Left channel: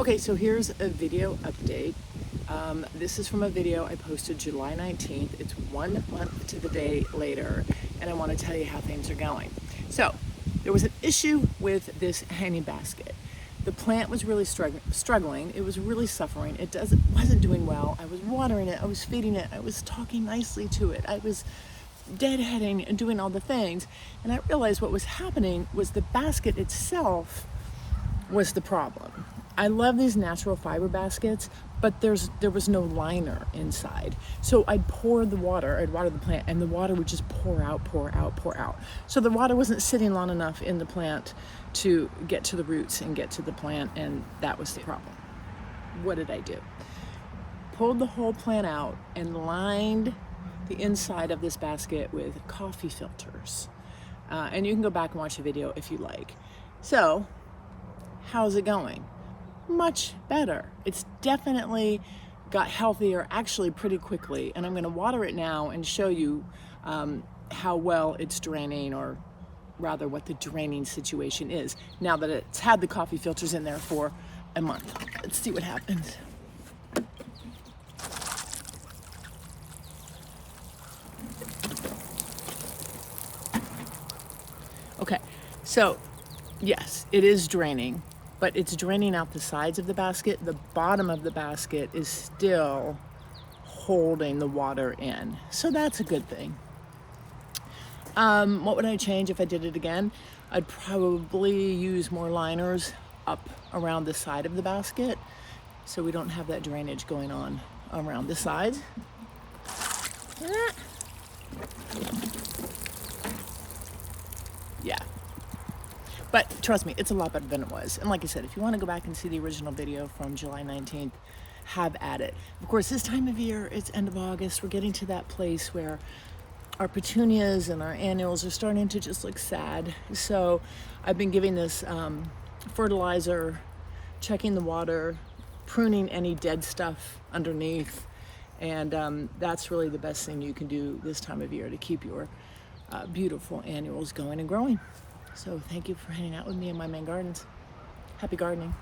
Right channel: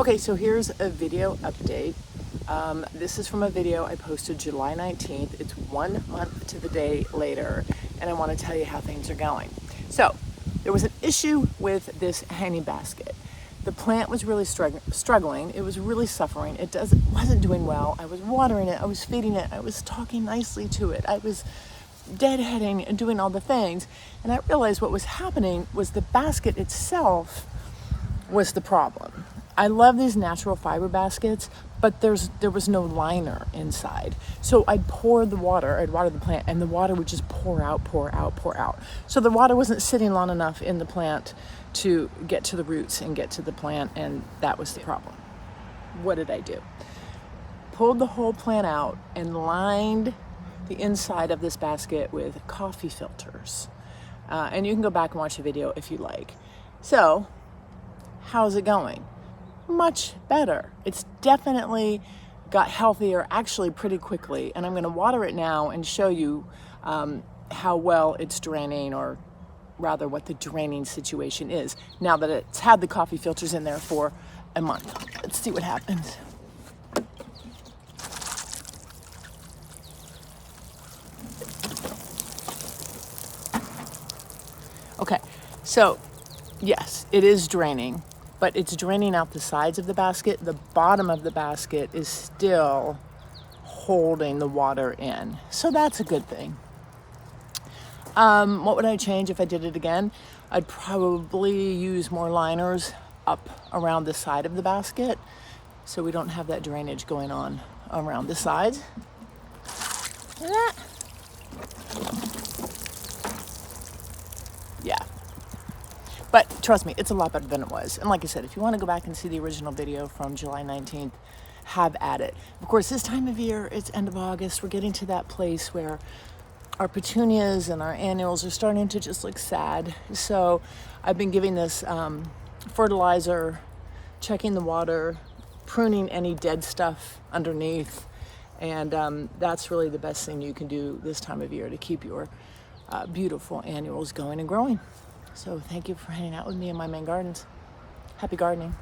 Okay, so here's a video update. This is from a video I posted July 19th. It's 1 month to the day later, and I want to tell you how things are going. So, there was an issue with this hanging basket. The plant was really struggling. It was really suffering. It wasn't doing well. I was watering it. I was feeding it. I was talking nicely to it. I was deadheading and doing all the things. And I realized what was happening was the basket itself was the problem. I love these natural fiber baskets, but there was no liner inside. So I'd water the plant, and the water would just pour out, pour out, pour out. So the water wasn't sitting long enough in the plant to get to the roots and get to the plant, and that was the problem. What did I do? Pulled the whole plant out and lined the inside of this basket with coffee filters. And you can go back and watch the video if you like. So, how's it going? Much better. It's definitely got healthier actually pretty quickly, and I'm going to water it now and show you how well it's draining, or rather what the draining situation is now that it's had the coffee filters in there for a month. Let's see what happens. Okay, so yes, it is draining, but it's draining out the sides of the basket. The bottom of the basket is still holding the water in. So that's a good thing. What would I change if I did it again? I'd probably use more liners up around the side of the basket so we don't have that drainage going on around the sides. Yeah. But trust me, it's a lot better than it was. And like I said, if you want to go back and see the original video from July 19th, have at it. Of course, this time of year, it's end of August. We're getting to that place where our petunias and our annuals are starting to just look sad. So I've been giving this fertilizer, checking the water, pruning any dead stuff underneath. And that's really the best thing you can do this time of year to keep your beautiful annuals going and growing. So thank you for hanging out with me in my Maine gardens. Happy gardening.